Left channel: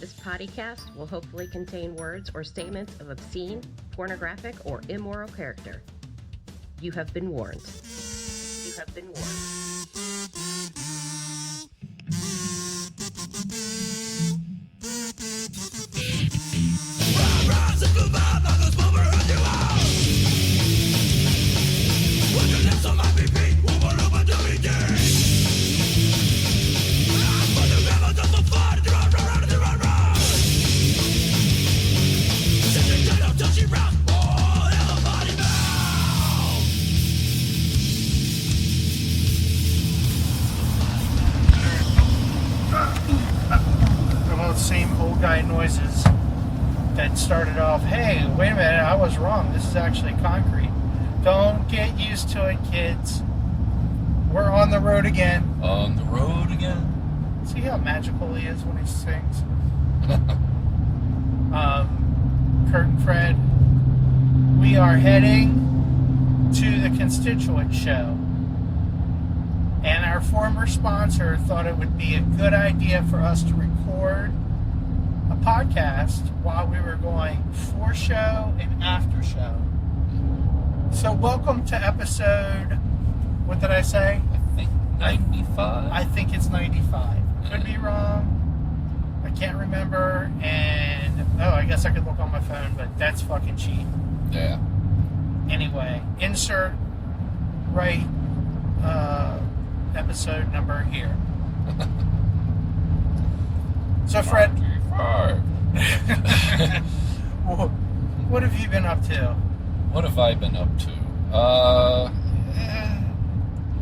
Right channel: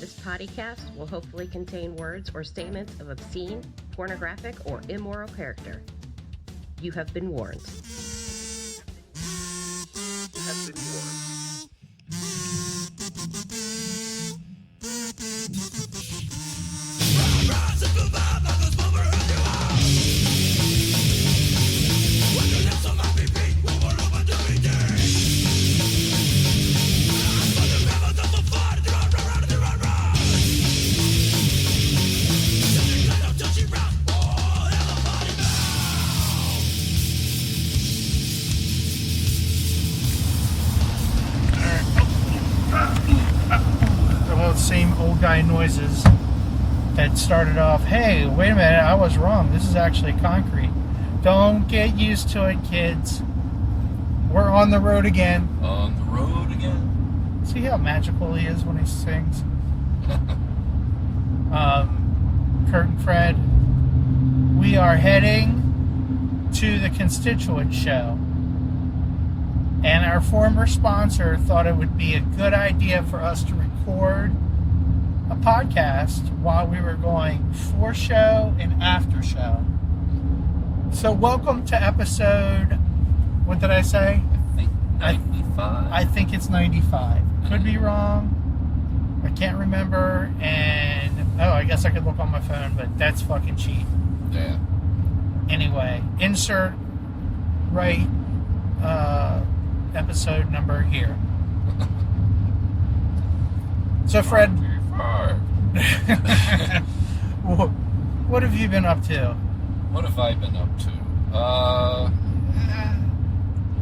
This podcast will hopefully contain words or statements of obscene, pornographic, or immoral character. You have been warned. You have been warned. You have been Same old guy noises that started off, hey, wait a minute, I was wrong. This is actually concrete. Don't get used to it, kids. We're on the road again. On the road again. See how magical he is when he sings? Kurt and Fred, we are heading to the Constituents show. And our former sponsor thought it would be a good idea for us to record a podcast while we were going for show and after show. So welcome to episode, what did I say? I think 95. I think it's 95. Could be wrong. I can't remember. And, I guess I could look on my phone, but that's fucking cheap. Yeah. Anyway, insert right episode number here. So Fred, what have you been up to? What have I been up to?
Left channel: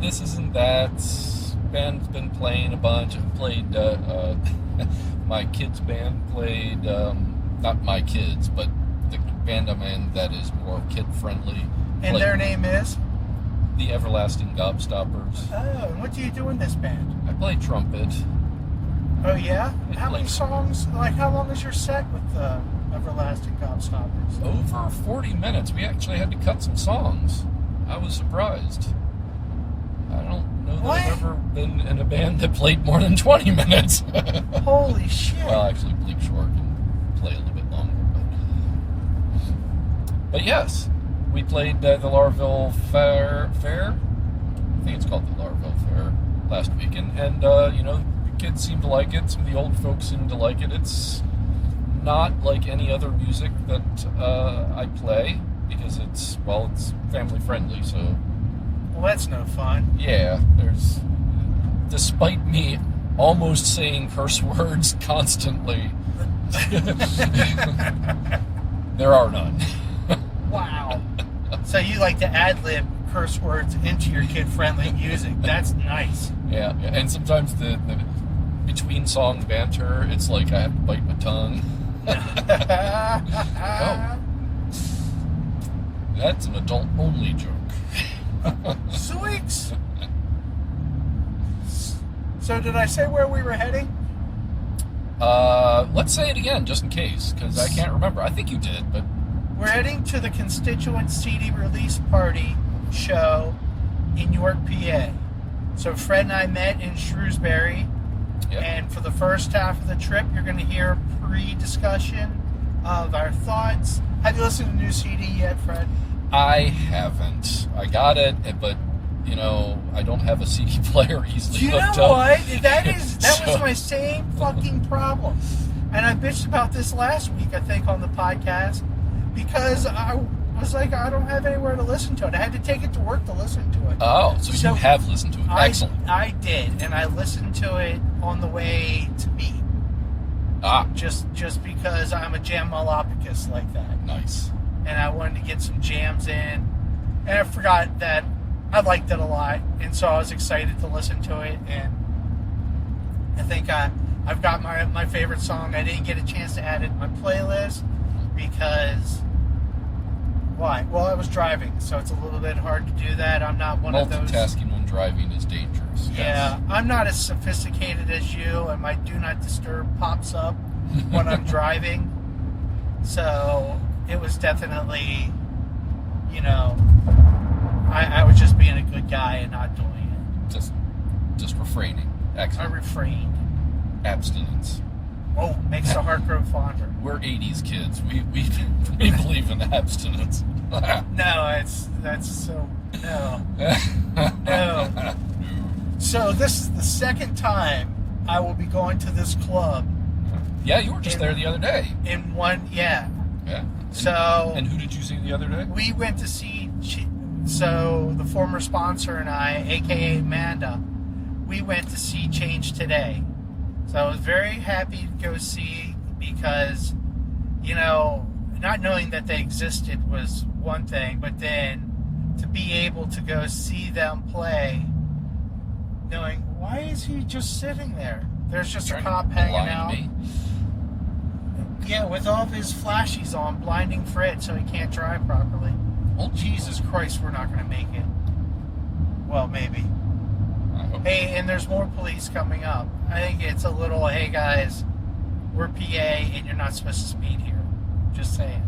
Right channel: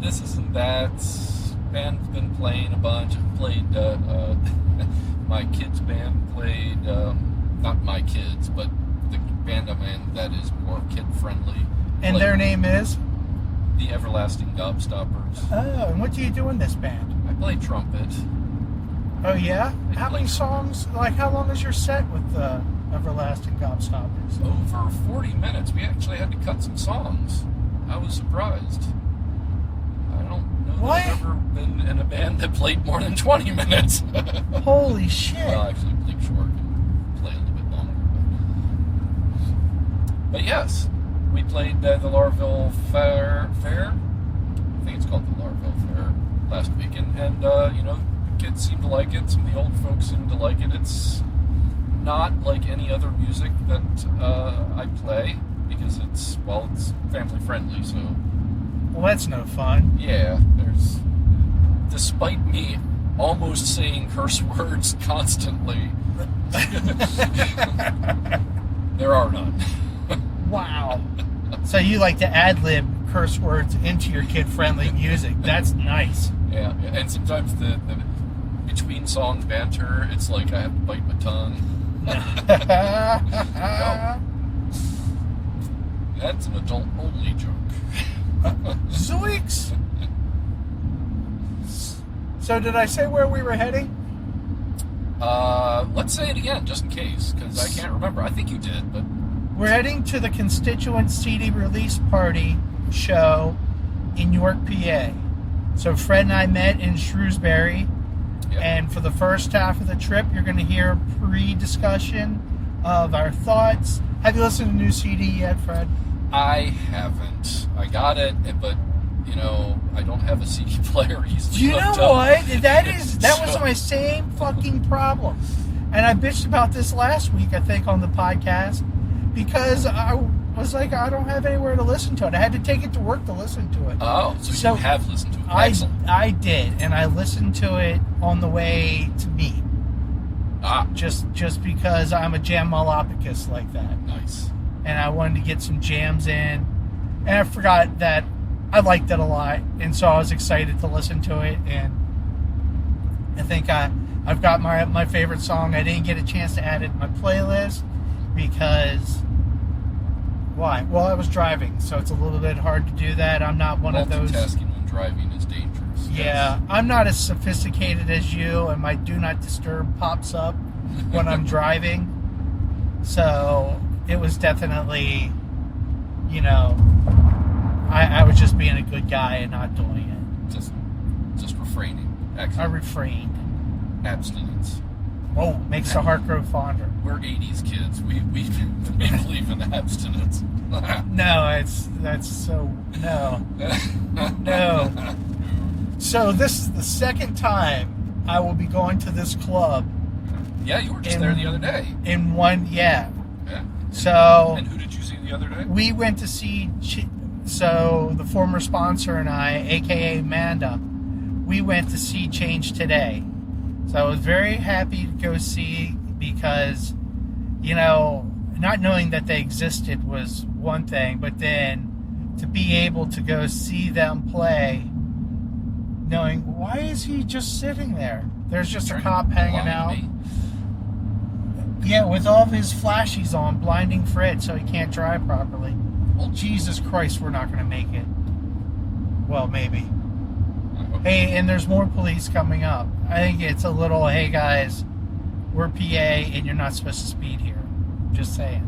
This isn't that. Band's been playing a bunch. I've played, my kids' band played, not my kids, but the band I'm in that is more kid-friendly. And their name is? The Everlasting Gobstoppers. Oh, and what do you do in this band? I play trumpet. Oh, yeah? How many songs, how long is your set with the Everlasting Gobstoppers? Over 40 minutes. We actually had to cut some songs. I was surprised. I don't know that I've ever been in a band that played more than 20 minutes. Holy shit. Well, actually, Bleak Shore can play a little bit longer. But yes, we played the Larville Fair. I think it's called the Larville Fair last weekend. And, the kids seem to like it. Some of the old folks seem to like it. It's not like any other music that I play because it's family friendly. So, well, that's no fun. Yeah, despite me almost saying curse words constantly, there are none. Wow. So you like to ad-lib curse words into your kid-friendly music. That's nice. Yeah, and sometimes the between song banter, it's like I have to bite my tongue. Oh. That's an adult-only joke. Zoinks! So did I say where we were heading? Let's say it again, just in case, because I can't remember. I think you did, but... We're heading to the Constituents CD release party show in York, PA. So Fred and I met in Shrewsbury. Yep. And for the first half of the trip, you're going to hear a pre-discussion of our thoughts. Have you listened to the new CD yet, Fred? I haven't. I got it, but, I don't have a CD player easily you hooked know up. What? That was my same fucking problem. And I bitched about this last week, I think, on the podcast, because I was like, I don't have anywhere to listen to it. I had to take it to work to listen to it. Oh, so you have listened to it. Excellent. I did, and I listened to it on the way to meet. Just because I'm a jam-malopicus like that. Nice. And I wanted to get some jams in. And I forgot that I liked it a lot. And so I was excited to listen to it. And I think I've got my favorite song. I didn't get a chance to add it to my playlist because... Why? Well, I was driving, so it's a little bit hard to do that. I'm not one of those... Multitasking when driving is dangerous. Yeah, yes. I'm not as sophisticated as you, and my Do Not Disturb pops up when I'm driving. So it was definitely, I was just being a good guy and not doing it. Just refraining. Excellent. I refrained. Abstinence. Oh, makes the heart grow fonder. We're 80s kids. We believe in abstinence. No, that's so no. No. So this is the second time I will be going to this club. Yeah, you were just there the other day. Yeah. So. And who did you see the other day? We went to see. So the former sponsor and I, aka Amanda, we went to see Change Today. So I was very happy to go see because, not knowing that they existed was one thing, but then to be able to go see them play, knowing, why is he just sitting there? There's just a cop hanging out. Yeah, with all of his flashies on, blinding Fred so he can't drive properly. Well, Jesus Christ, we're not going to make it. Well, maybe. Hey, and there's more police coming up. I think it's a little, hey guys, we're PA and you're not supposed to speed here. Just saying.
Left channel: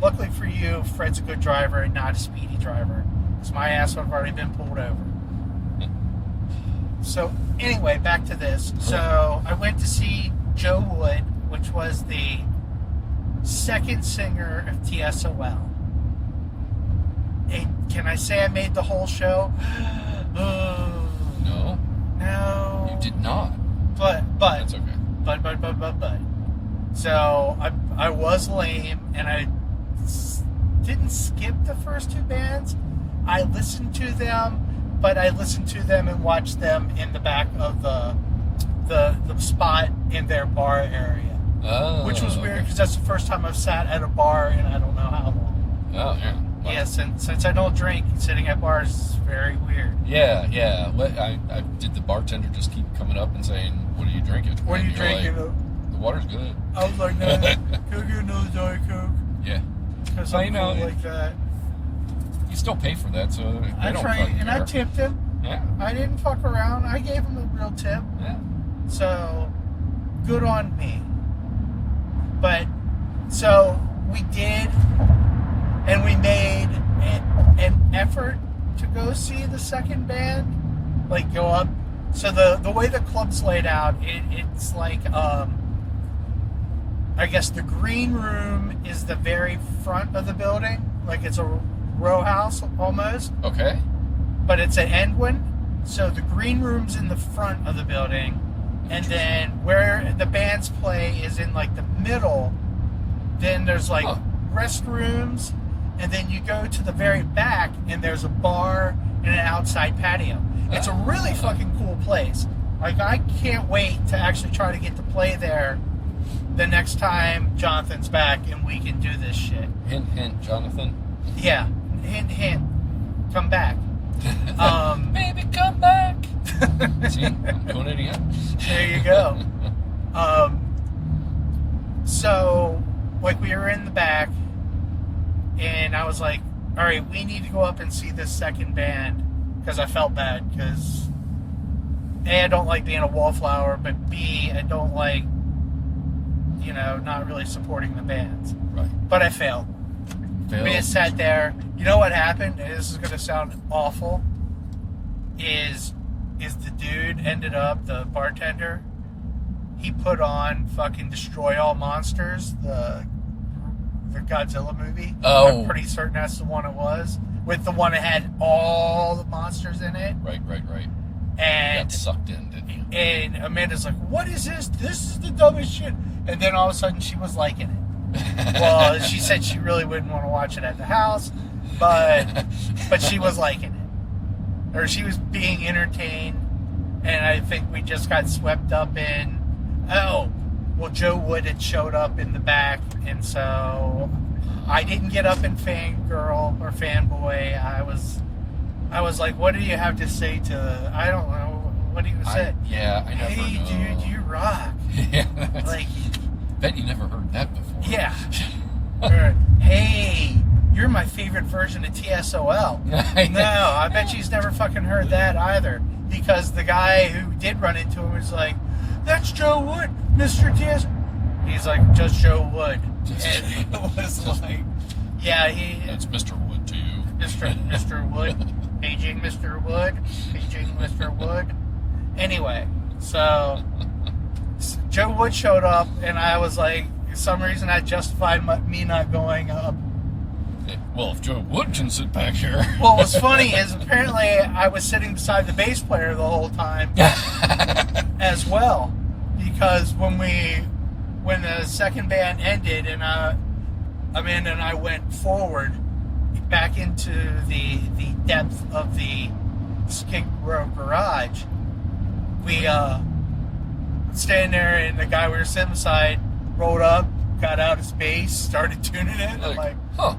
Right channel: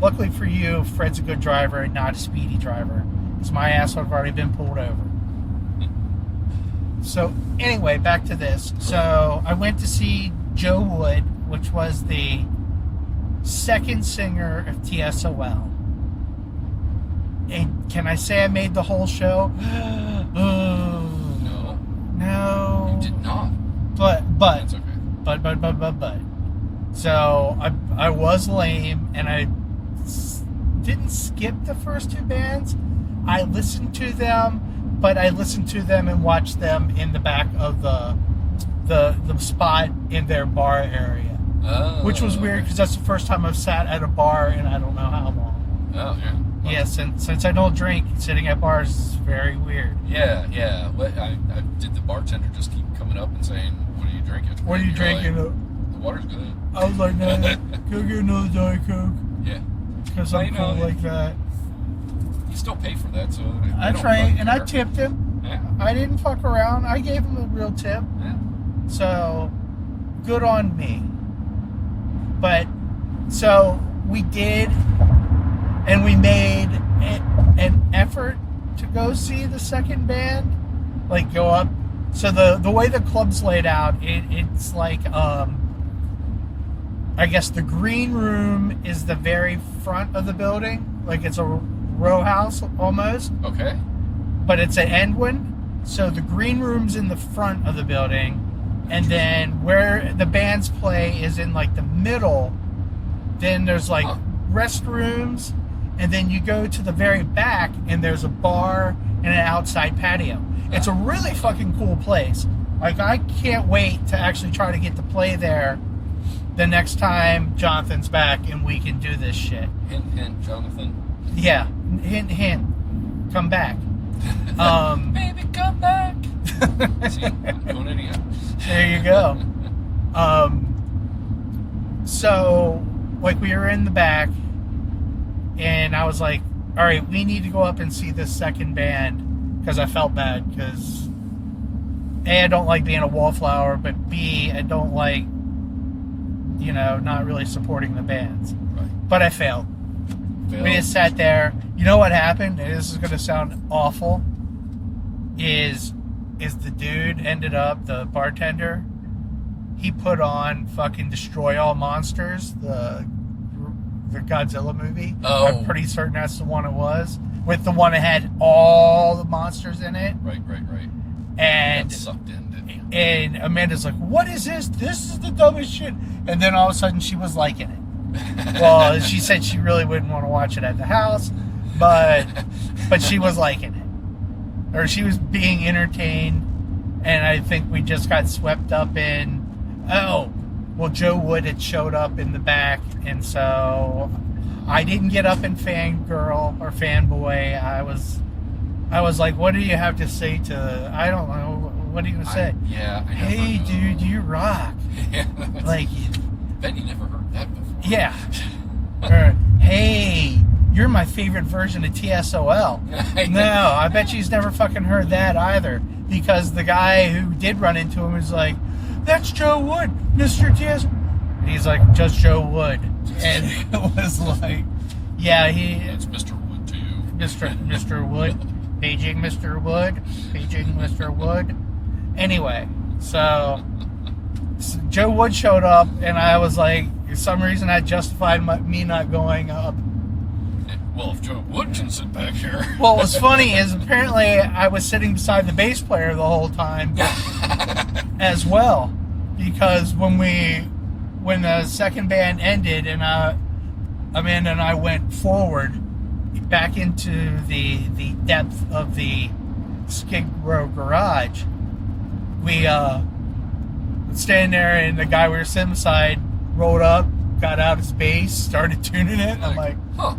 Luckily for you, Fred's a good driver and not a speedy driver, because my ass would have already been pulled over. So, anyway, back to this. So, I went to see Joe Wood, which was the second singer of TSOL. And can I say I made the whole show? No. No. You did not. But. That's okay. But. So, I was lame, and I didn't skip the first two bands. I listened to them, but I listened to them and watched them in the back of the spot in their bar area. Oh. Which was weird, because that's the first time I've sat at a bar in I don't know how long. Oh, yeah. Wow. Yeah, since I don't drink, sitting at bars is very weird. Yeah. What I did the bartender just keep coming up and saying, "What are you drinking?" What are you drinking? Like, the water's good. I was like, no, go get another Diet Coke. Yeah. Because I'm cool like that. You still pay for that, so I tried, and I tipped him. Yeah. I didn't fuck around. I gave him a real tip. Yeah. So, good on me. But, so, we did, and we made an effort to go see the second band. Like, go up. So, the way the club's laid out, it's like, I guess the green room is the very front of the building. Like, it's a row house, almost. Okay. But it's an end one. So, the green room's in the front of the building. And then where the bands play is in like the middle. Then there's like restrooms, and then you go to the very back and there's a bar and an outside patio. It's a really fucking cool place. Like, I can't wait to actually try to get to play there the next time Jonathan's back and we can do this shit. Hint, hint, Jonathan. Yeah, hint, hint. Come back. Baby, come back. See, I'm doing it again. There you go. So, like, we were in the back, and I was like, all right, we need to go up and see this second band, because I felt bad, because A, I don't like being a wallflower, but B, I don't like, not really supporting the bands. Right. But I failed. We just sat there. You know what happened? And this is going to sound awful. Is the dude ended up, the bartender, he put on fucking Destroy All Monsters, the Godzilla movie. Oh. I'm pretty certain that's the one it was. With the one that had all the monsters in it. Right. And got sucked in, didn't you? And Amanda's like, what is this? This is the dumbest shit. And then all of a sudden she was liking it. Well, she said she really wouldn't want to watch it at the house, but she was liking it. Or she was being entertained, and I think we just got swept up in, Joe Wood had showed up in the back, and so I didn't get up and fangirl or fanboy. I was like, what do you have to say to, I don't know, what do you say? I never hey, know. dude, you rock. Yeah, like, bet you never heard that before. Yeah. Or, hey, you're my favorite version of TSOL. No, I bet she's never fucking heard that either. Because the guy who did run into him was like, that's Joe Wood, Mr. TS. He's like, just Joe Wood. And it was like, yeah, It's Mr. Wood to you. Mr. Wood. Paging Mr. Wood. Paging Mr. Wood. Anyway, so Joe Wood showed up, and I was like, for some reason, I justified me not going up. Well, if Joe Wood can sit back here. Well, what's funny is apparently I was sitting beside the bass player the whole time as well, because when the second band ended and Amanda and I went forward back into the depth of the Skid Row garage, we standing there, and the guy we were sitting beside rolled up, got out his bass, started tuning it. I'm like, huh.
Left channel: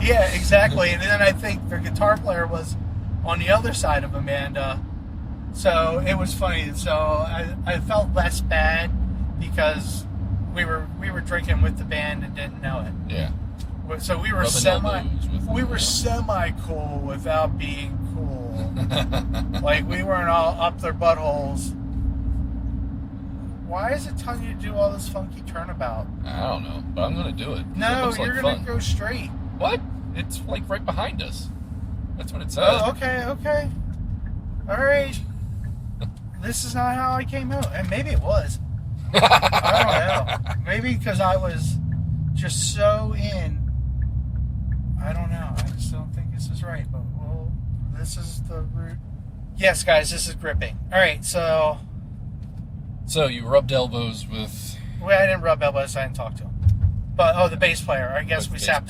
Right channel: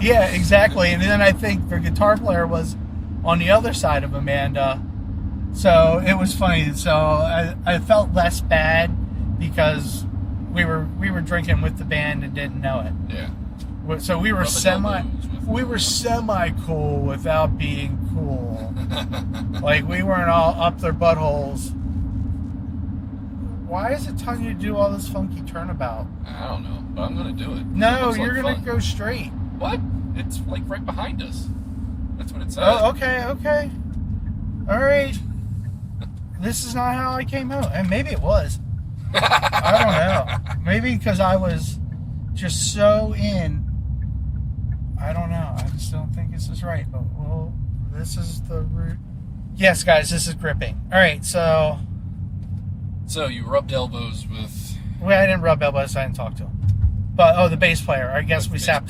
Yeah, exactly. And then I think the guitar player was on the other side of Amanda. So it was funny. So I felt less bad because we were drinking with the band and didn't know it. Yeah. So we were semi cool without being cool. Like, we weren't all up their buttholes. Why is it telling you to do all this funky turnabout? I don't know, but I'm going to do it. No, it you're like going to go straight. What? It's like right behind us. That's what it says. Oh, okay. All right. This is not how I came out. And maybe it was. I don't know. Maybe because I was just so in. I don't know. I just don't think this is right. But, well, this is the route. Yes, guys, this is gripping. All right, so you rubbed elbows with... Well, I didn't rub elbows. I didn't talk to him. But, the bass player. I guess I sat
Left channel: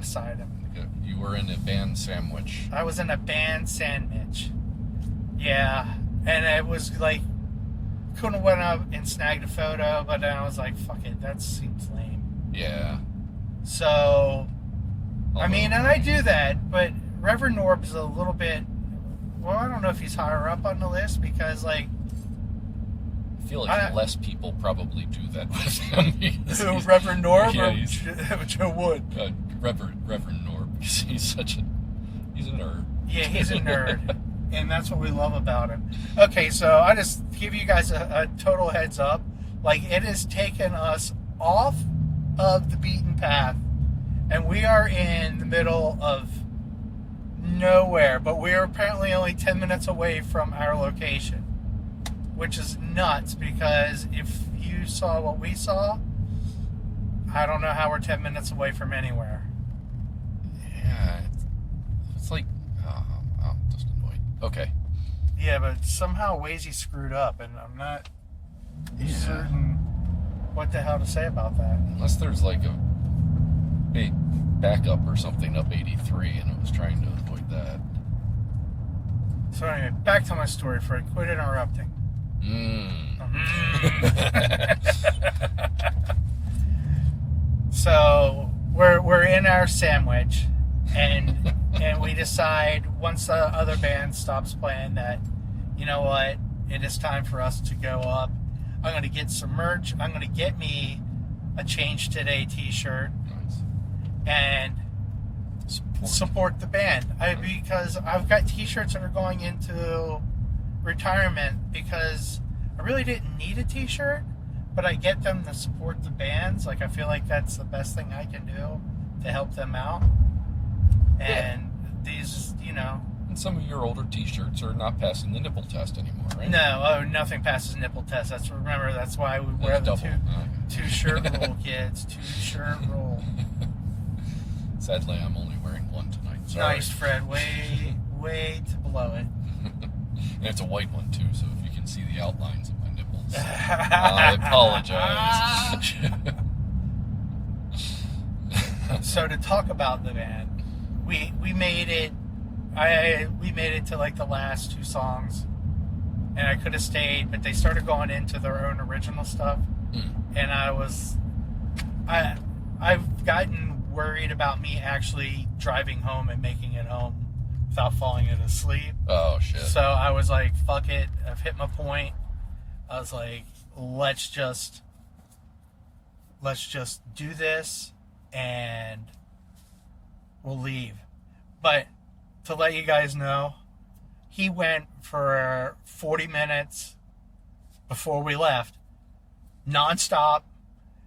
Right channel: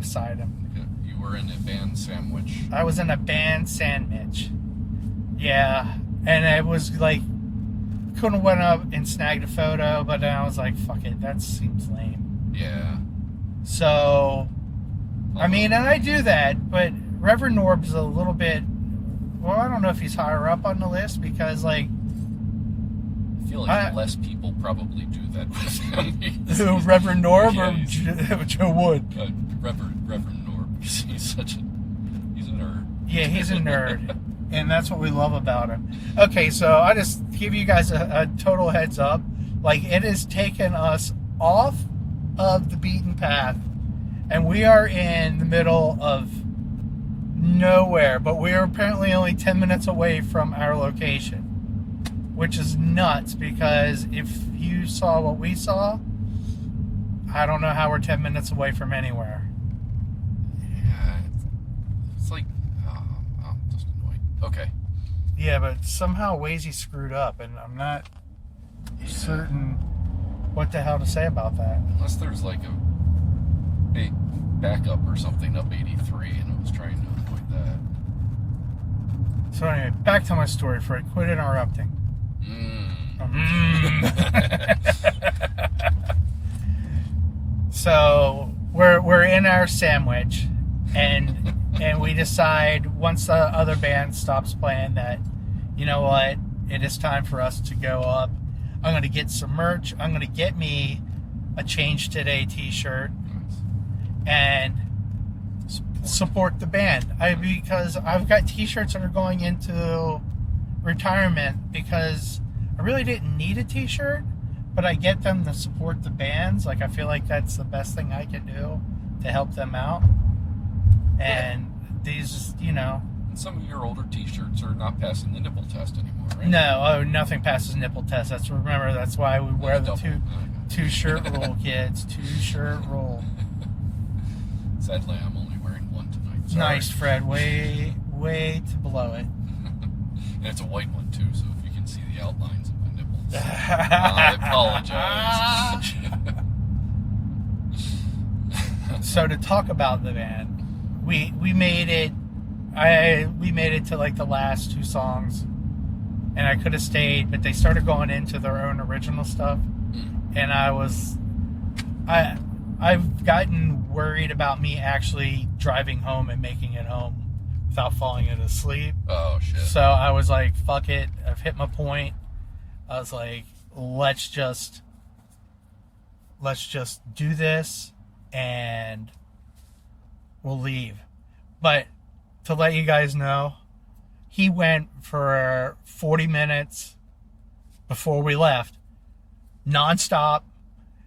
beside him. You were in a band sandwich. I was in a band sandwich. Yeah. And it was like, couldn't went up and snagged a photo, but then I was like, fuck it, that seems lame. Yeah. So, I mean, and I do that, but Reverend Norb's a little bit, well, I don't know if he's higher up on the list because, like, I feel like less people probably do that with him. Who, Reverend Norb or Joe Wood? Reverend Norb. He's a nerd. Yeah, he's a nerd. And that's what we love about him. Okay, so I just give you guys a total heads up. Like, it has taken us off of the beaten path, and we are in the middle of nowhere, but we are apparently only 10 minutes away from our location, which is nuts, because if you saw what we saw, I don't know how we're 10 minutes away from anywhere. Yeah, it's like, I'm just annoyed. Okay. Yeah, but somehow Waze screwed up, and I'm not certain what the hell to say about that. Unless there's like a big backup or something up 83, and I was trying to avoid that. So anyway, back to my story, Fred. Quit interrupting. So we're in our sandwich, and we decide once the other band stops playing that, you know what, it is time for us to go up. I'm going to get some merch. I'm going to get me a Change Today t-shirt. Nice. And support the band. Because I've got t-shirts that are going into retirement because I really didn't need a t-shirt, but I get them to support the bands. Like, I feel like that's the best thing I can do to help them out. And these, you know... And some of your older t-shirts are not passing the nipple test anymore, right? No, nothing passes nipple test. That's why we wear the two-shirt rule, kids. Two-shirt rule. Sadly, I'm only wearing one tonight. Sorry. Nice, Fred. Way to blow it. And it's a white one, too, so if you can see the outlines of my nipples. I apologize. So to talk about the band, we made it. We made it to like the last two songs, and I could have stayed, but they started going into their own original stuff, and I've gotten worried about me actually driving home and making it home without falling asleep. Oh shit! So I was like, "Fuck it! I've hit my point." I was like, "Let's just do this, and we'll leave." But to let you guys know, he went for 40 minutes before we left, nonstop.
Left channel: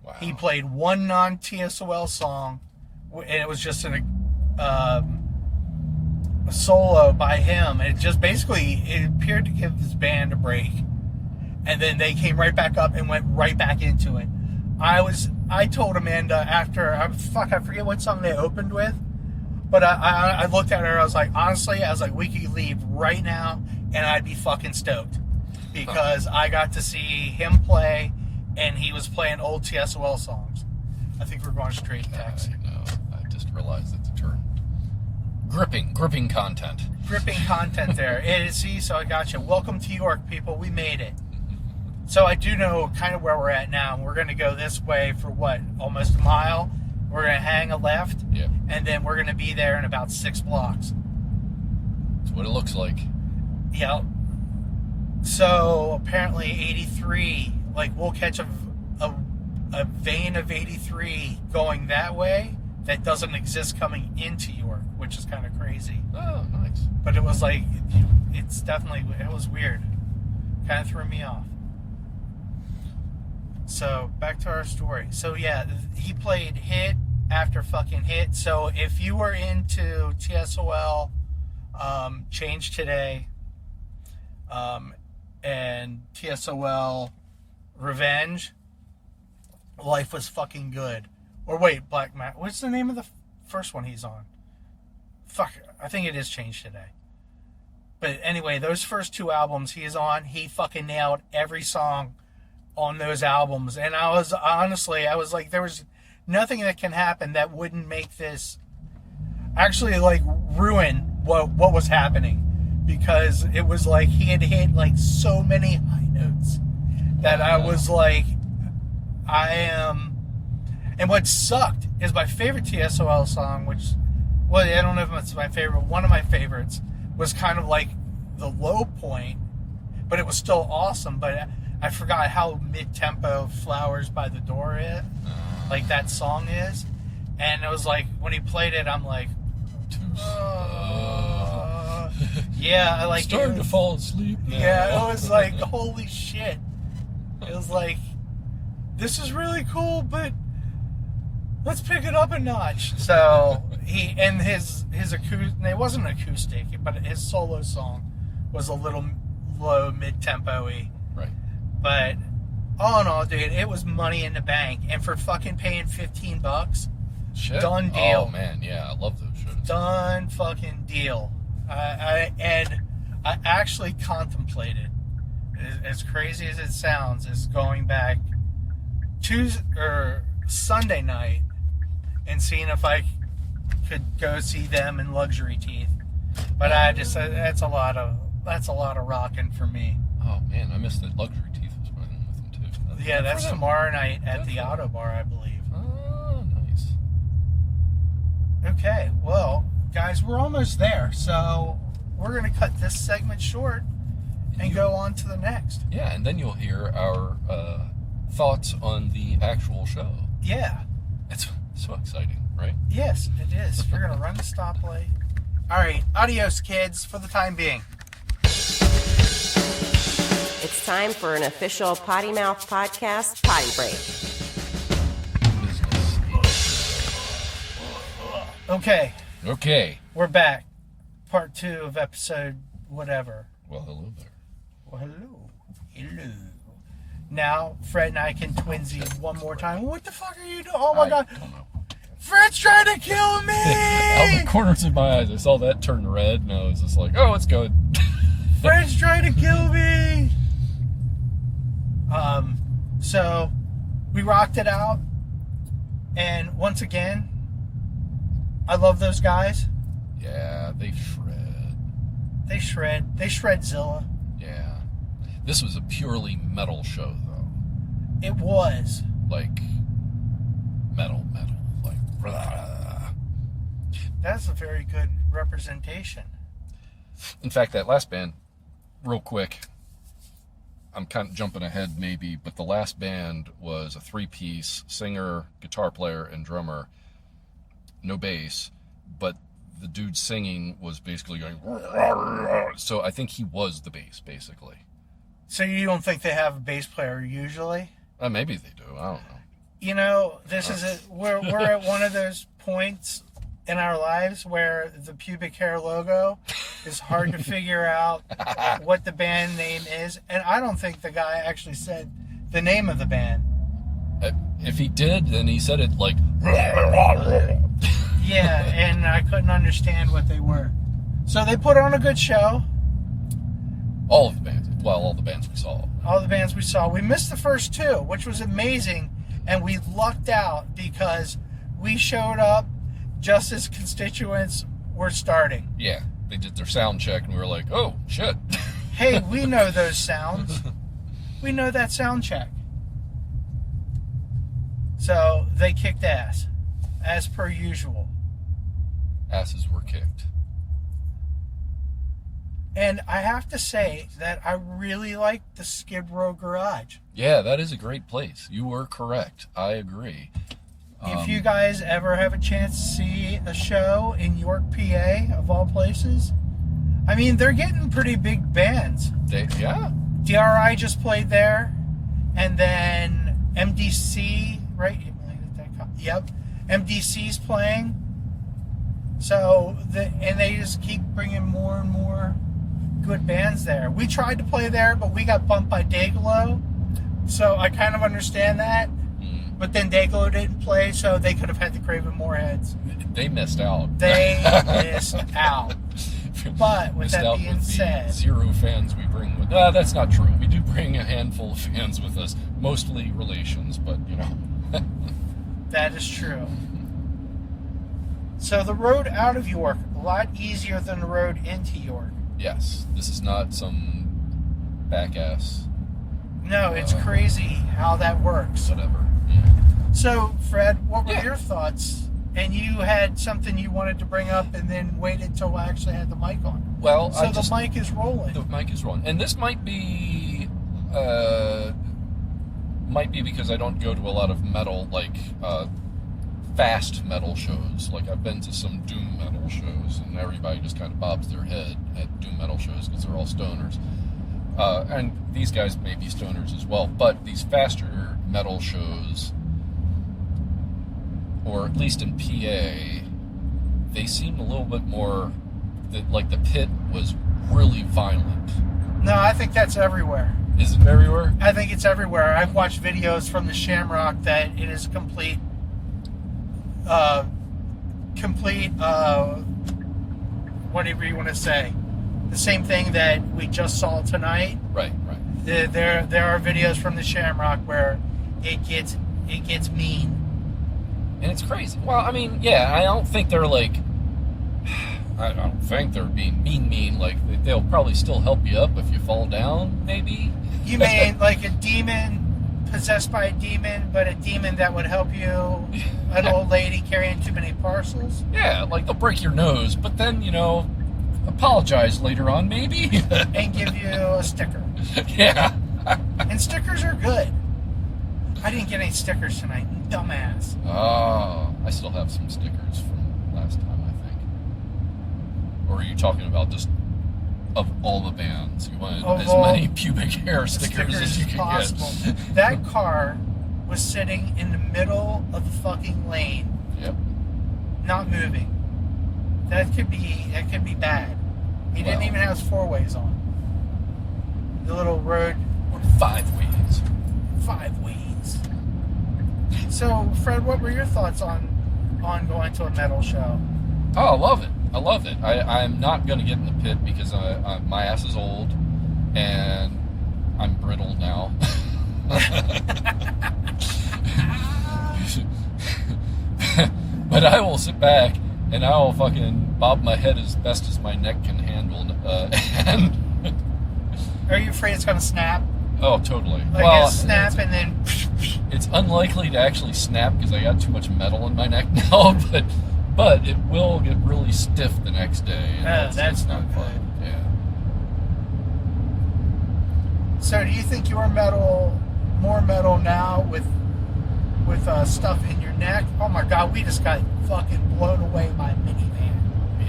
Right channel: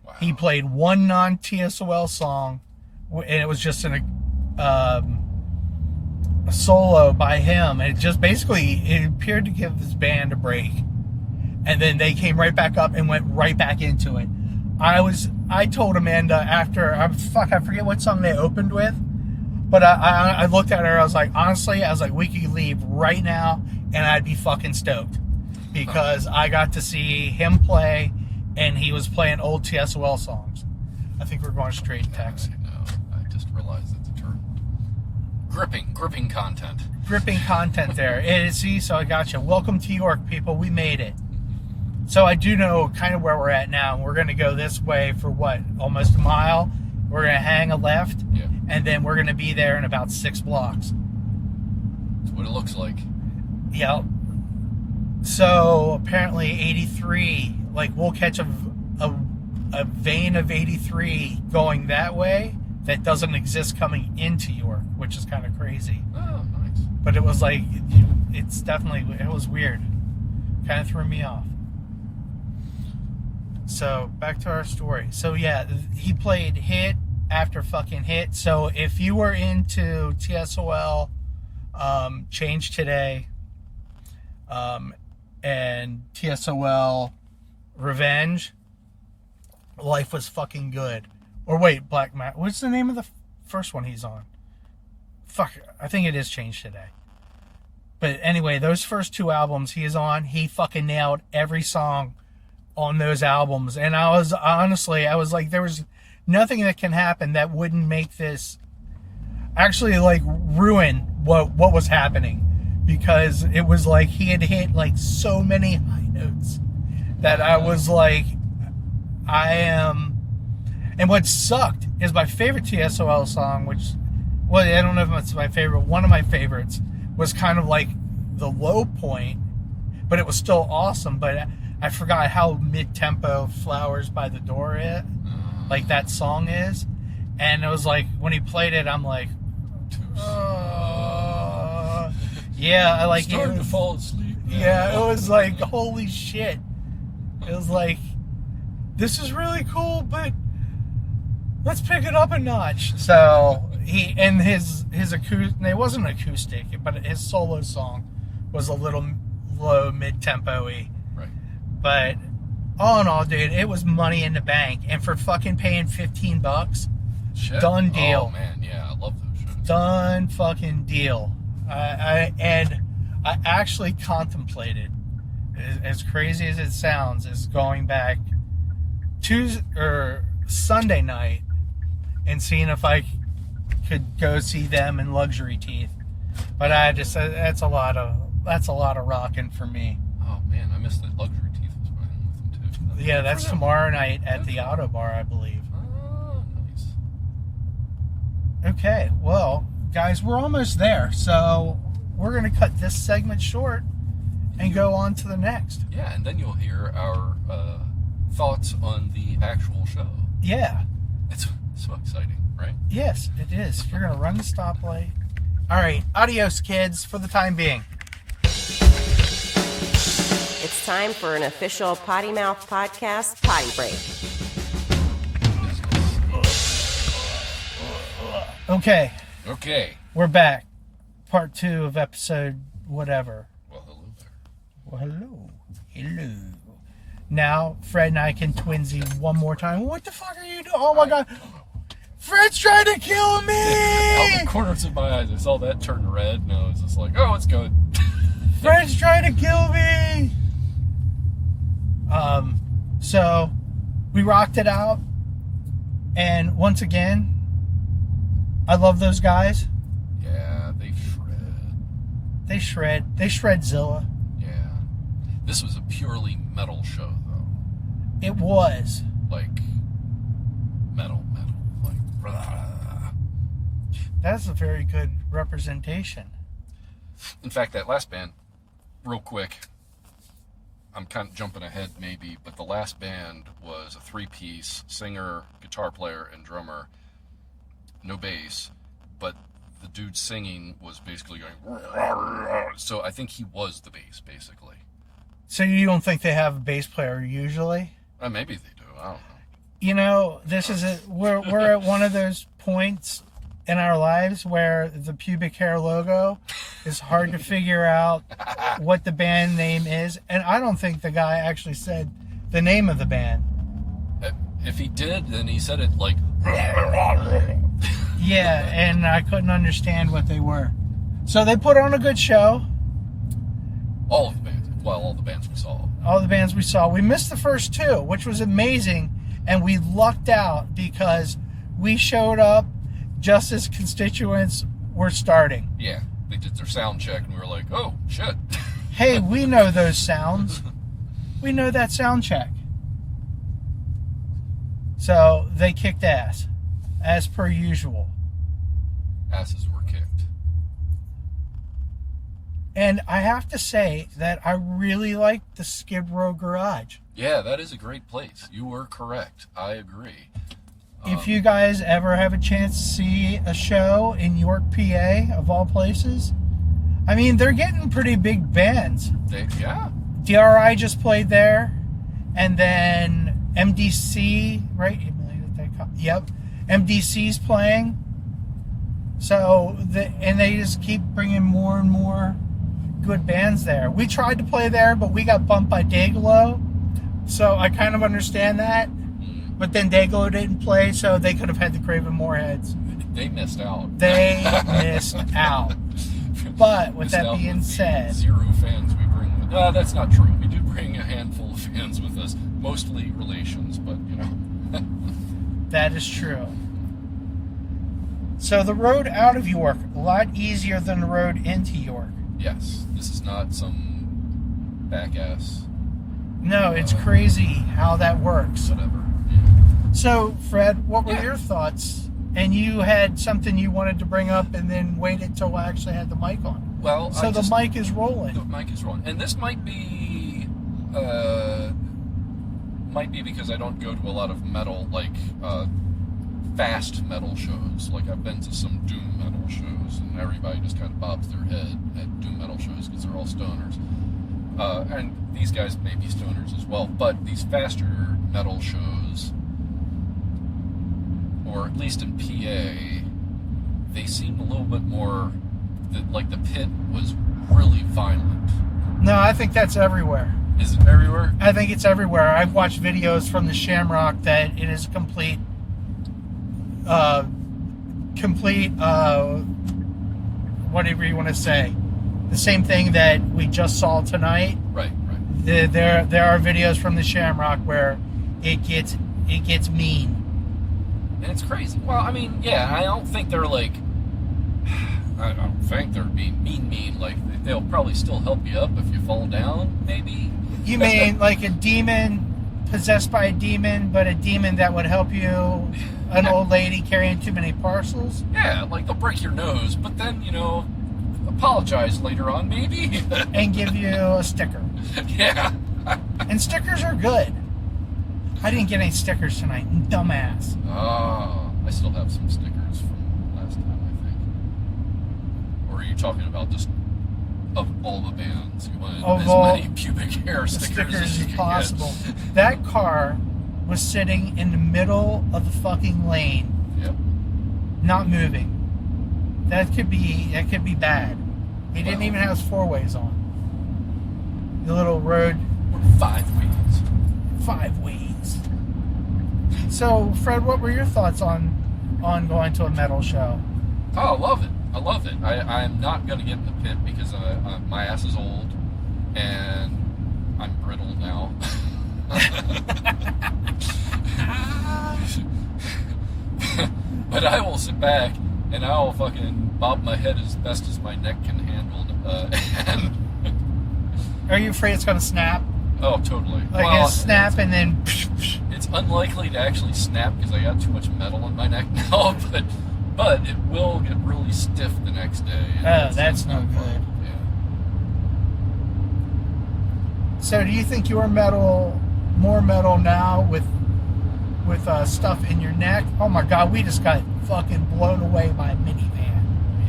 Wow. He played one non-TSOL song, and it was just a solo by him. And it just basically, it appeared to give his band a break. And then they came right back up and went right back into it. I told Amanda after, I forget what song they opened with, but I looked at her, I was like, honestly, we could leave right now and I'd be fucking stoked. Because I got to see him play, and he was playing old TSOL songs. I think we're going straight to text. No, I just realized it's a term. Gripping content. Gripping content there. See, so I got you. Welcome to York, people. We made it. So I do know kind of where we're at now. We're going to go this way for what? Almost a mile. We're going to hang a left. Yeah. And then we're going to be there in about 6 blocks. That's what it looks like. Yep. So apparently 83, like we'll catch a vein of 83 going that way that doesn't exist coming into York, which is kind of crazy. Oh, nice. But it was like, it was weird. Kind of threw me off. So back to our story. So yeah, he played hit after fucking hit. So if you were into TSOL, Change Today, and TSOL Revenge, Life Was Fucking Good. Or wait, Black Matt. What's the name of the first one he's on? Fuck, I think it is Change Today. But anyway, those first 2 albums he's on, he fucking nailed every song on those albums. And I was like, there was nothing that can happen that wouldn't make this actually like ruin what was happening. Because it was like he had hit like so many high notes that I was like, and what sucked is my favorite TSOL song, which, well, I don't know if it's my favorite, one of my favorites was kind of like the low point, but it was still awesome. But I forgot how mid-tempo Flowers by the Door is, like that song is. And it was like, when he played it, I'm like, yeah, I like starting to fall asleep. Yeah, it was like, holy shit. It was like, this is really cool, but let's pick it up a notch. So his acoustic, it wasn't acoustic, but his solo song was a little low, mid-tempo-y. Right. But all in all, dude, it was money in the bank. And for fucking paying $15, Shit. Done deal. Oh man, yeah, I love those shows. Done fucking deal. I actually contemplated, as crazy as it sounds, is going back Sunday night and seeing if I could go see them in Luxury Teeth. But I just, that's a lot of rocking for me. Oh man, I missed that Luxury Teeth was playing with them too. Yeah, that's tomorrow night at the Auto Bar, I believe. Oh, nice. Okay, well, guys, we're almost there, so we're going to cut this segment short and go on to the next. Yeah, and then you'll hear our thoughts on the actual show. Yeah. It's so exciting, right? Yes, it is. You're going to run the stoplight. All right, adios, kids, for the time being. It's time for an official Potty Mouth Podcast potty break. Okay, we're back. Part 2 of episode whatever. Well, hello there. Well, hello. Now, Fred and I can twinsy one more time. What the fuck are you doing? Oh my God. Fred's trying to kill me! Out the corners of my eyes, I saw that turn red, and I was just like, oh, it's good. Fred's trying to kill me! So, we rocked it out. And once again, I love those guys. Yeah, they shred. They shred Zilla. Yeah. This was a purely metal show, though. It was. Like, metal. Like, blah. That's a very good representation. In fact, that last band, real quick, I'm kind of jumping ahead maybe, but the last band was a 3-piece singer, guitar player, and drummer. No bass, but the dude singing was basically going, so I think he was the bass, basically. So you don't think they have a bass player usually? Maybe they do. I don't know. You know, this is we're at one of those points in our lives where the pubic hair logo is hard to figure out what the band name is. And I don't think the guy actually said the name of the band. If he did, then he said it like... Yeah, and I couldn't understand what they were. So they put on a good show. All of the bands. Well, all the bands we saw. All the bands we saw. We missed the first two, which was amazing. And we lucked out because we showed up just as Constituents were starting. Yeah, they did their sound check and we were like, oh, shit. Hey, we know those sounds. We know that sound check. So they kicked ass, as per usual. Asses were kicked. And I have to say that I really like the Skid Row Garage. Yeah, that is a great place. You were correct. I agree. If you guys ever have a chance to see a show in York, PA, of all places, I mean, they're getting pretty big bands. Yeah. DRI just played there, and then MDC, right? Yep, MDC's playing. So, and they just keep bringing more and more good bands there. We tried to play there, but we got bumped by Dayglow, so I kind of understand that. But then Dayglow didn't play, so they could have had the Craven Moorheads. They missed out. They missed out. But with Missed that being said, 0 fans we bring with. That's not true. We do bring a handful of fans with us, mostly relations, but you know. that is true. So the road out of York, a lot easier than the road into York. Yes, this is not some back ass. No, it's crazy how that works. Whatever. Yeah. So, Fred, what were your thoughts? And you had something you wanted to bring up and then waited till I actually had the mic on. Well, so the mic is rolling. The mic is rolling. And this might be because I don't go to a lot of metal, like fast metal shows. Like I've been to some doom metal shows, and everybody just kind of bobs their head at doom metal shows because they're all stoners. And these guys may be stoners as well, but these faster metal shows, or at least in PA, they seem a little bit more, like the pit was really violent. No, I think that's everywhere. Is it everywhere? I think it's everywhere. I've watched videos from the Shamrock that it is complete, whatever you want to say. The same thing that we just saw tonight. Right. There are videos from the Shamrock where it gets mean. And it's crazy. Well, I mean, yeah, I don't think they're like, I don't think they're being mean. Like, they'll probably still help you up if you fall down, maybe. You mean like a demon possessed by a demon, but a demon that would help you, an old lady carrying too many parcels? Yeah, like they'll break your nose, but then, you know, apologize later on, maybe. And give you a sticker. Yeah. And stickers are good. I didn't get any stickers tonight, dumbass. Oh, I still have some stickers from last time, I think. Or are you talking about just of all the bands? You wanted as many pubic hair stickers as you could possible. get. That car was sitting in the middle of the fucking lane. Yep. Not moving. That could be bad. He didn't even have his 4-ways on. The little road. Or 5-ways. 5-ways. So, Fred, what were your thoughts on going to a metal show? Oh, I love it. I'm not going to get in the pit because my ass is old and I'm brittle now. But I will sit back and I will fucking bob my head as best as my neck can handle. And are you afraid it's going to snap? Oh, totally. Like snap and then... It's unlikely to actually snap because I got too much metal in my neck now, but it will get really stiff the next day. That's not good. Yeah. So do you think you're more metal now with stuff in your neck? Oh my God, we just got fucking blown away by a minivan.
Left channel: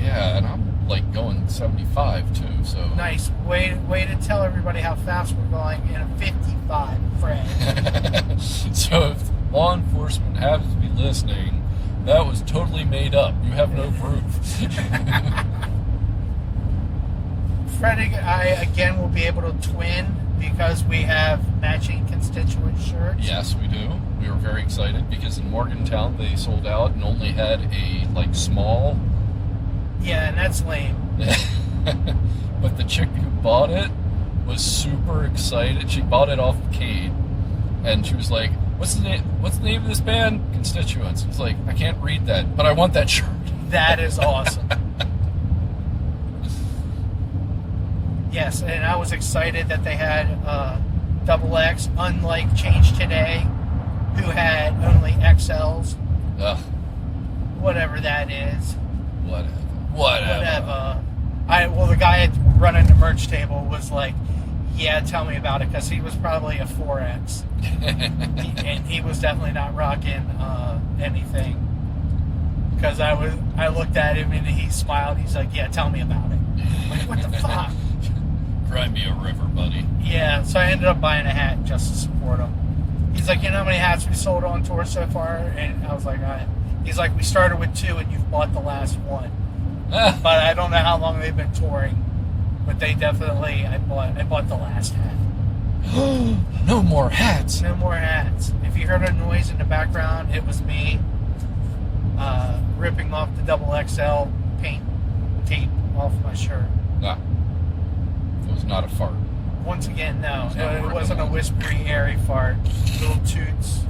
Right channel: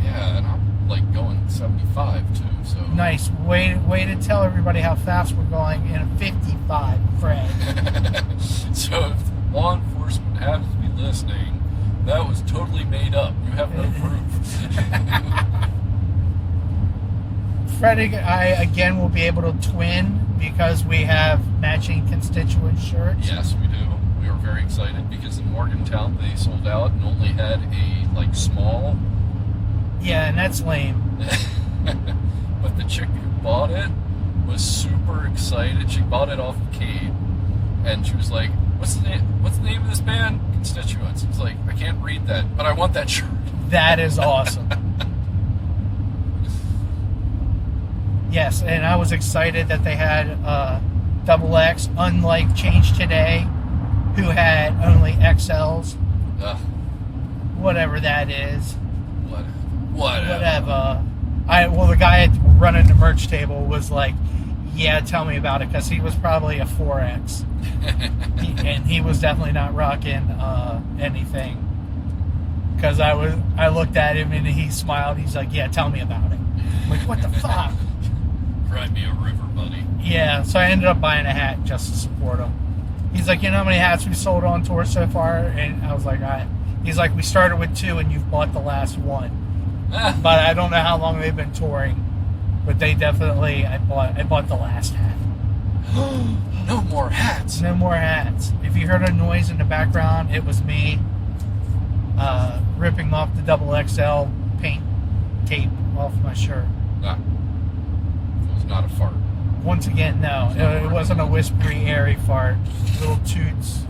Yeah, and I'm like going 75 too, so... Nice. Way to tell everybody how fast we're going in a 55, Fred. So if law enforcement happens to be listening, That was totally made up. You have no proof. Fred and I, again, will be able to twin because we have matching constituent shirts. Yes, we do. We were very excited because in Morgantown they sold out and only had a, like, small. Yeah, and that's lame. But the chick who bought it was super excited. She bought it off of Kate, and she was like, What's the name of this band? Constituents. It's like, I can't read that, but I want that shirt. That is awesome. Yes, and I was excited that they had double X, unlike Change Today, who had only XLs. Ugh. Whatever that is. Whatever. Well, the guy running the merch table was like, yeah, tell me about it, because he was probably a 4X. And he was definitely not rocking anything. Because I looked at him and he smiled. He's like, yeah, tell me about it. I'm like, what the fuck? Cry me a river, buddy. Yeah, so I ended up buying a hat just to support him. He's like, you know how many hats we sold on tour so far? And I was like, all right. He's like, we started with 2 and you've bought the last one. But I don't know how long they've been touring. But they definitely, I bought the last hat. No more hats. No more hats. If you heard a noise in the background, it was me ripping off the double XL paint tape off my shirt. It was not a fart. Once again, no. It wasn't a whispery, airy fart. Little toots.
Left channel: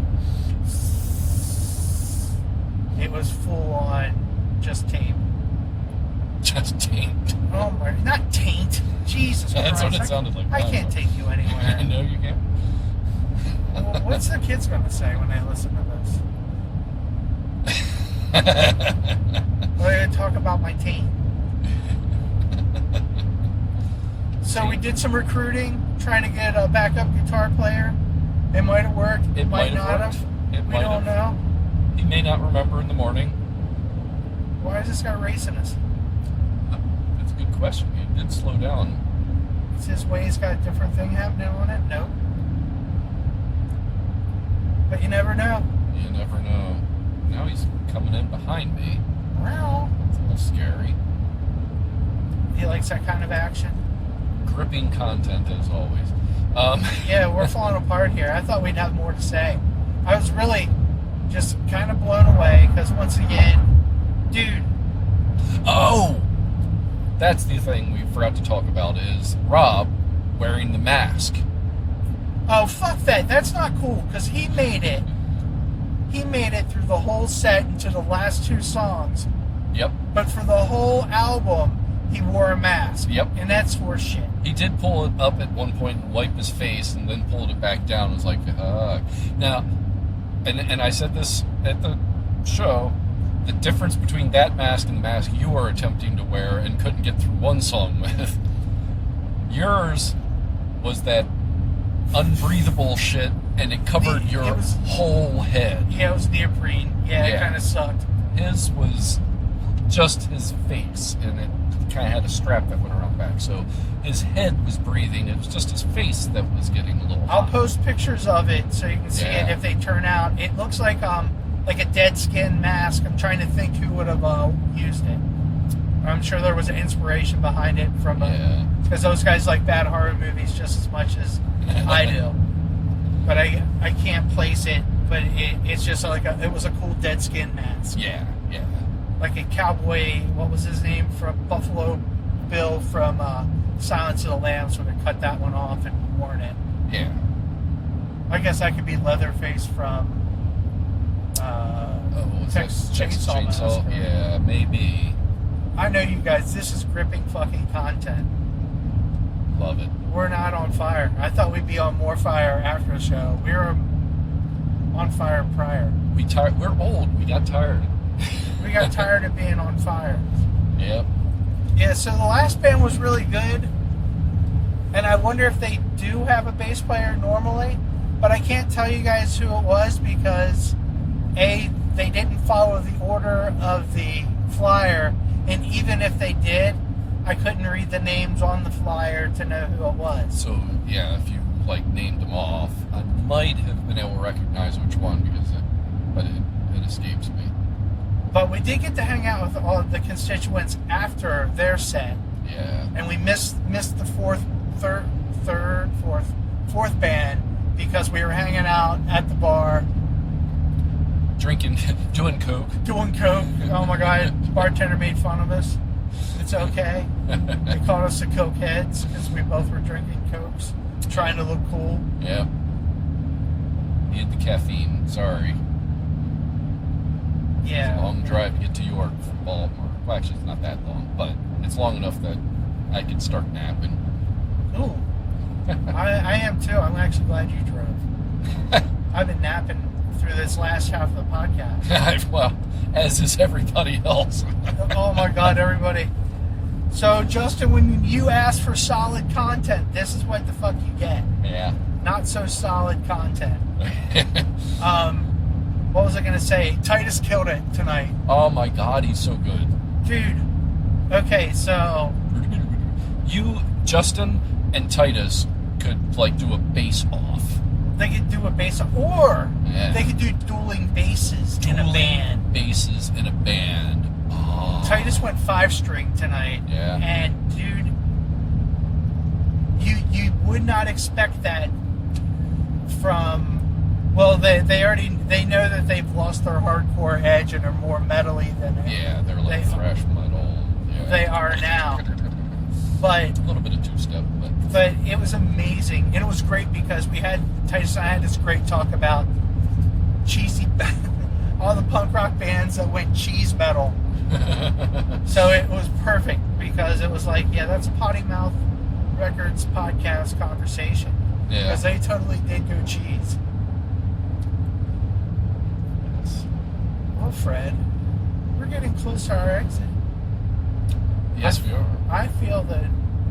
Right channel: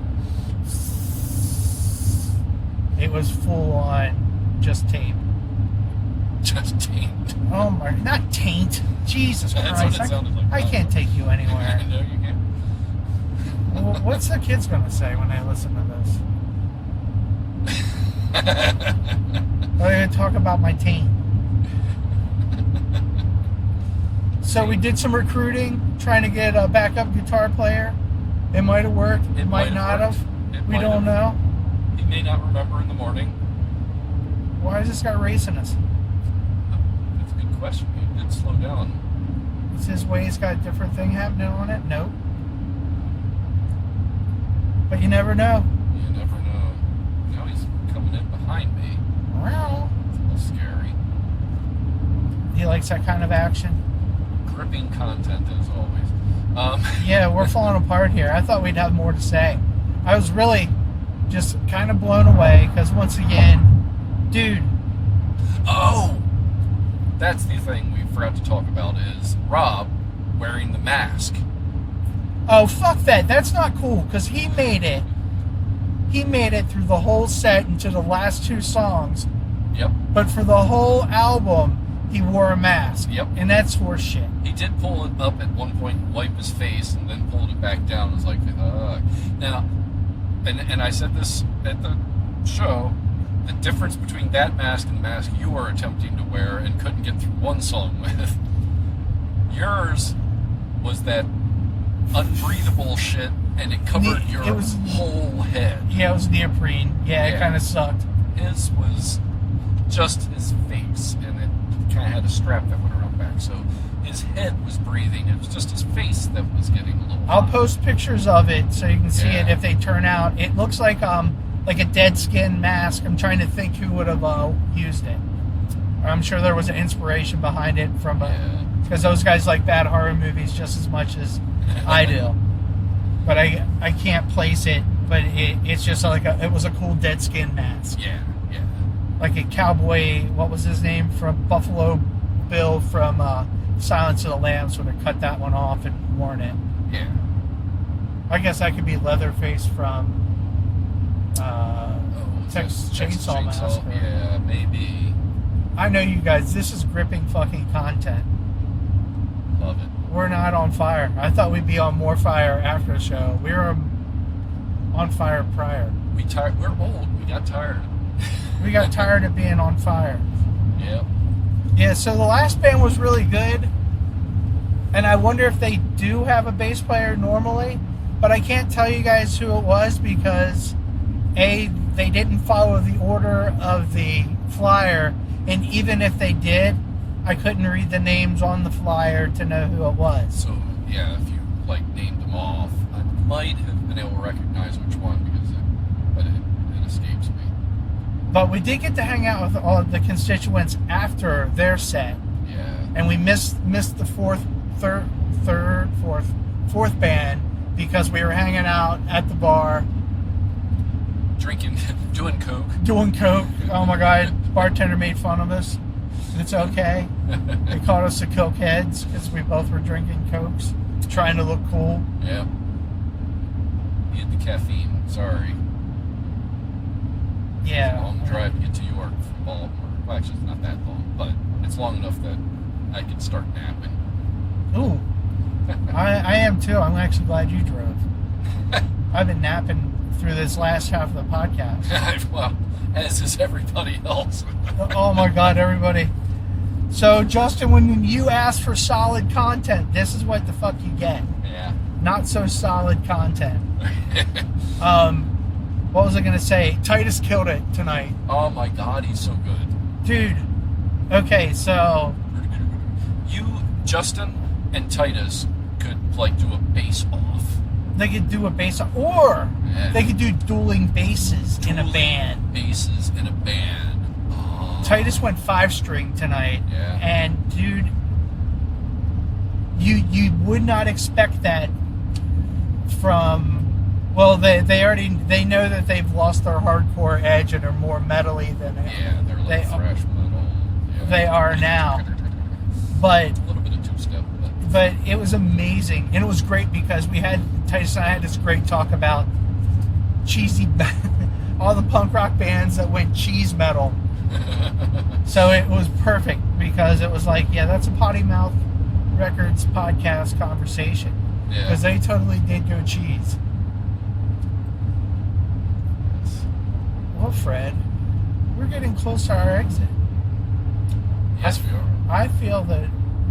It was full on just tape. Just taint. Oh my, not taint. Jesus Christ. That's what it sounded like. I can't take you anywhere. No, you can't. Well, what's the kids going to say when they listen to this? They're going to talk about my taint. So we did some recruiting, trying to get a backup guitar player. It might have worked. It might not have. We don't know. He may not remember in the morning. Why is this guy racing us? That's a good question. He did slow down. Is his ways got a different thing happening on it? Nope. But you never know. You never know. Now he's coming in behind me. Well, It's a little scary. he likes that kind of action. Gripping content as always. Yeah, we're falling apart here. I thought we'd have more to say. I was really just kind of blown away because once again, dude. Oh! That's the thing we forgot to talk about is Rob wearing the mask. Oh, fuck that. That's not cool because he made it. He made it through the whole set into the last 2 songs. Yep. But for the whole album, he wore a mask. Yep. And that's horseshit. He did pull it up at one point and wipe his face and then pulled it back down. It was like, Now, and I said this at the show, the difference between that mask and the mask you were attempting to wear and couldn't get through one song with, yours was that unbreathable shit and it covered your whole head. Yeah, it was neoprene. Yeah, it kind of sucked. His was just his face and it kind of had a strap that went around the back. So his head was breathing. It was just his face that was getting a little hot. I'll post pictures of it so you can see it if they turn out. It looks like a dead skin mask. I'm trying to think who would have used it. I'm sure there was an inspiration behind it from because those guys like bad horror movies just as much as I do. But I can't place it. But it's just like it was a cool dead skin mask. Yeah. Like a cowboy. What was his name from Buffalo Bill from Silence of the Lambs would have cut that one off and worn it. Yeah. I guess I could be Leatherface from Texas Chainsaw Massacre. Yeah, maybe. I know you guys. This is gripping fucking content. Love it. We're not on fire. I thought we'd be on more fire after the show. We were on fire prior. We're old. We got tired. We got tired of being on fire. Yep. Yeah, so the last band was really good. And I wonder if they do have a bass player normally. But I can't tell you guys who it was because, A, they didn't follow the order of the flyer. And even if they did, I couldn't read the names on the flyer to know who it was. So, yeah, if you, named them off, I might have been able to recognize which one because it escapes me. But we did get to hang out with all of the Constituents after their set. Yeah. And we missed the fourth band because we were hanging out at the bar. Drinking, doing coke. Oh my God, bartender made fun of us. It's okay. They called us the coke heads because we both were drinking cokes, trying to look cool. Yeah. Need the caffeine. Sorry. Yeah. It's a long drive to get to York from Baltimore. Well, actually, it's not that long, but it's long enough that I could start napping. Ooh. I am too. I'm actually glad you drove. I've been napping through this last half of the podcast. Well, as is everybody else. Oh my God, everybody. So, Justin, when you ask for solid content, this is what the fuck you get. Yeah. Not so solid content. What was I going to say? Titus killed it tonight. Oh my God, he's so good. Dude. Okay, so... You, Justin, and Titus could, like, do a bass off. They could do a bass off. Or Yeah. they could do dueling basses in a band. Basses in a band. Oh. Titus went 5-string tonight. Yeah. And, dude, you would not expect that from... Well, they know that they've lost their hardcore edge and are more metally than Yeah, they're like thrash metal. Yeah. they are now. But a little bit of two-step, but it was amazing, and it was great because Titus and I had this great talk about cheesy, all the punk rock bands that went cheese metal. So it was perfect because it was like, yeah, that's a Potty Mouth Records podcast conversation. Yeah. Because they totally did go cheese. Well, Fred, we're getting close to our exit. Yes, we are. I feel that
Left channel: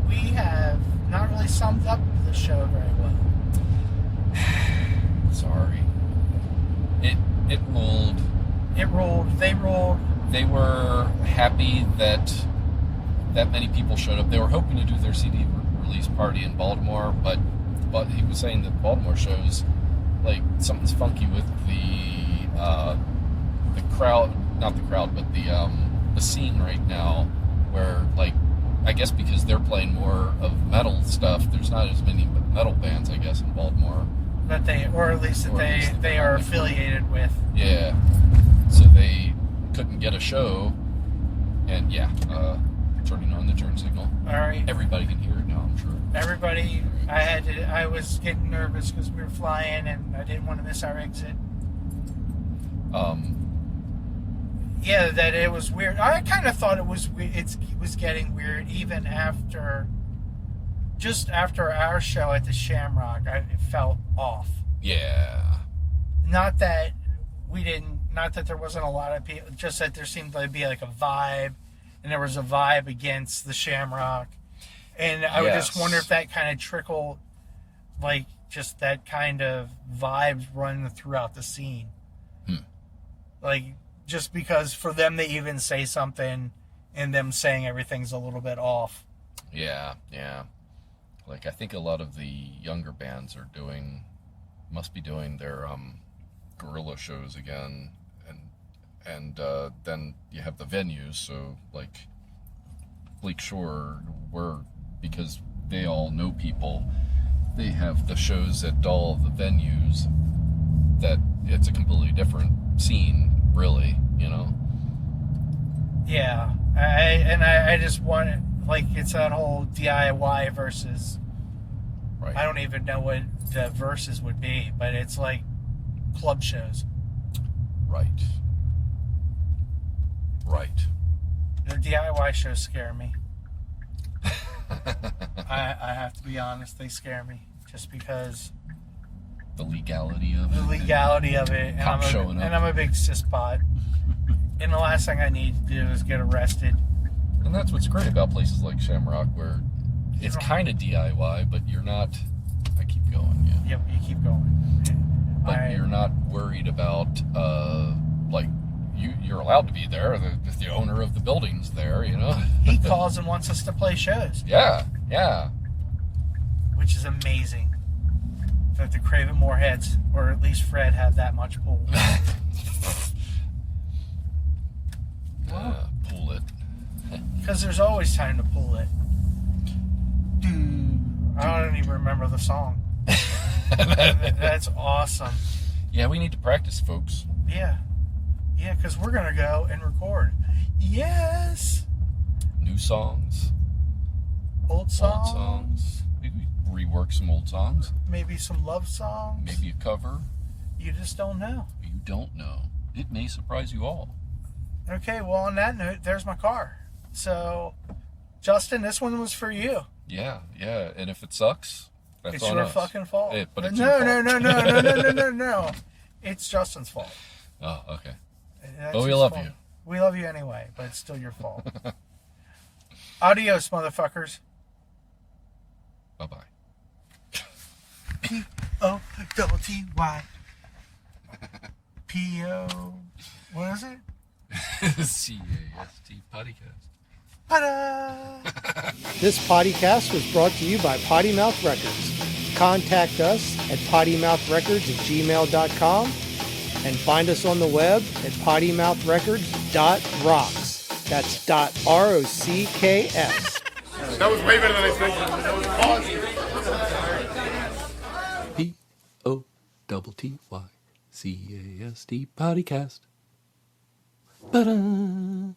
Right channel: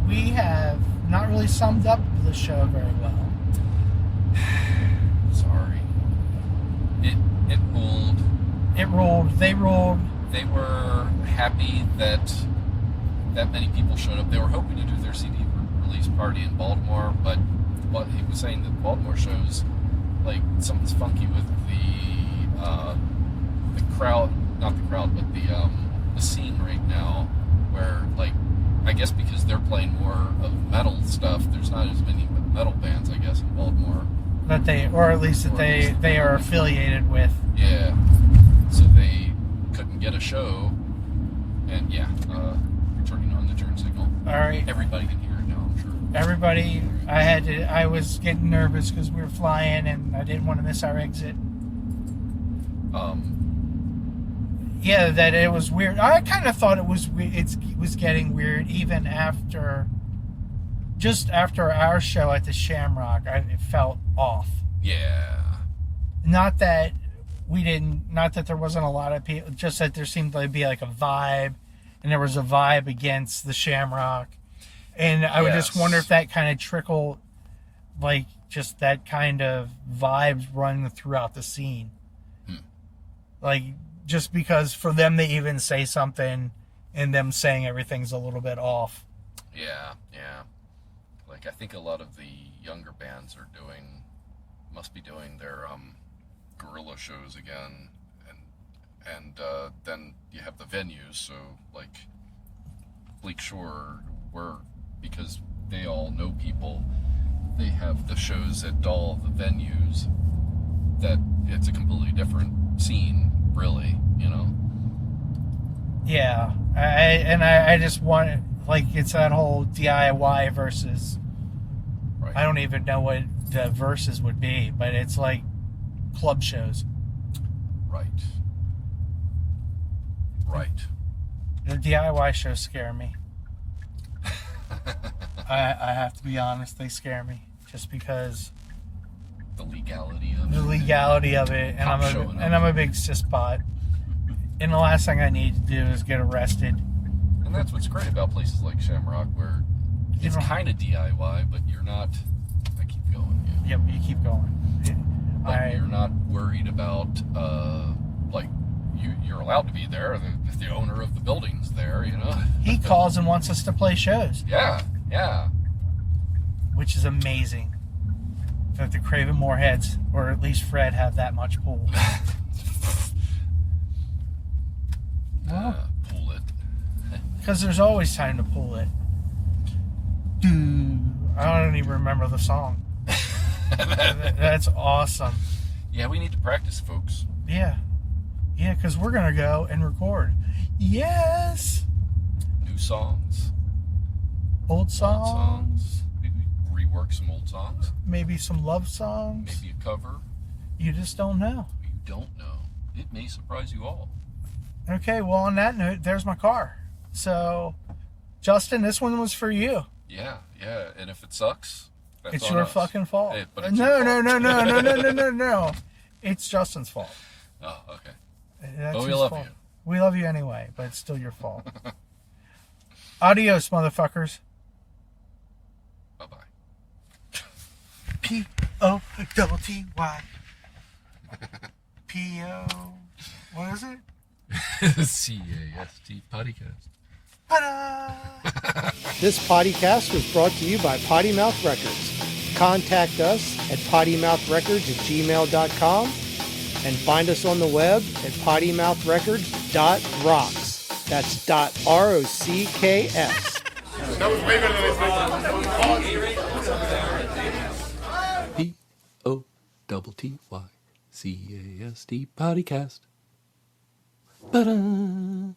we have not really summed up the show very well. Sorry. It ruled. It ruled. They ruled. They were happy that many people showed up. They were hoping to do their CD release party in Baltimore, but he was saying that Baltimore shows, like, something's funky with the crowd, not the crowd, but the scene right now, where, like, I guess because they're playing more of metal stuff, there's not as many metal bands, I guess, in Baltimore. That they, or at least that they are affiliated with. Yeah. So they couldn't get a show, and yeah, turning on the turn signal. All right. Everybody can hear it now, I'm sure. Everybody, I was getting nervous because we were flying and I didn't want to miss our exit. Yeah, that it was weird. I kind of thought it was getting weird even just after our show at the Shamrock. It felt off. Yeah. Not that there wasn't a lot of people, just that there seemed to be like a vibe, and there was a vibe against the Shamrock. And I would just wonder if that kind of trickled, like, just that kind of vibes running throughout the scene. Like, just because for them to even say something and them saying everything's a little bit off. Yeah. Like, I think a lot of the younger bands must be doing their guerrilla shows again, and then you have the venues, so, like, Bleak Shore, because they all know people, they have the shows at all the venues, that it's a completely different scene, really, you know? Yeah, I just want it, like, it's that whole DIY versus, Right. I don't even know what the verses would be, but it's like club shows. Right. The DIY shows scare me. I have to be honest, they scare me. Just because The legality of the legality of it, and Cops showing up. I'm a big cispot. And the last thing I need to do is get arrested. And that's what's great about places like Shamrock, where it's kind of DIY, but you're not. I keep going, yeah. Yep, you keep going. But you're not worried about, like, you're allowed to be there. The owner of the building's there, you know? He calls and wants us to play shows. Yeah. Which is amazing. That the Craven Moorheads, or at least Fred, have that much pull. Pull it. Because there's always time to pull it. I don't even remember the song. That's awesome. Yeah, we need to practice, folks. Yeah, because we're going to go and record. Yes! New songs. Old songs. Old songs. Maybe rework some old songs. Maybe some love songs. Maybe a cover. You just don't know. You don't know. It may surprise you all. Okay, well, on that note, there's my car. So, Justin, this one was for you. Yeah. And if it sucks, that's It's on your us. fucking fault. But it's your fault. No. It's Justin's fault. Oh, okay. That's But we his love fault. you. We love you anyway, but it's still your fault. Adios, motherfuckers. Bye-bye. Potty. P-O... What is it? CAST podcast. Ta-da! This podcast was brought to you by Potty Mouth Records. Contact us at pottymouthrecords@gmail.com and find us on the web at pottymouthrecords.rocks. That's .rocks. That was way better than I expected. POTTYCAST podcast. Ta-da!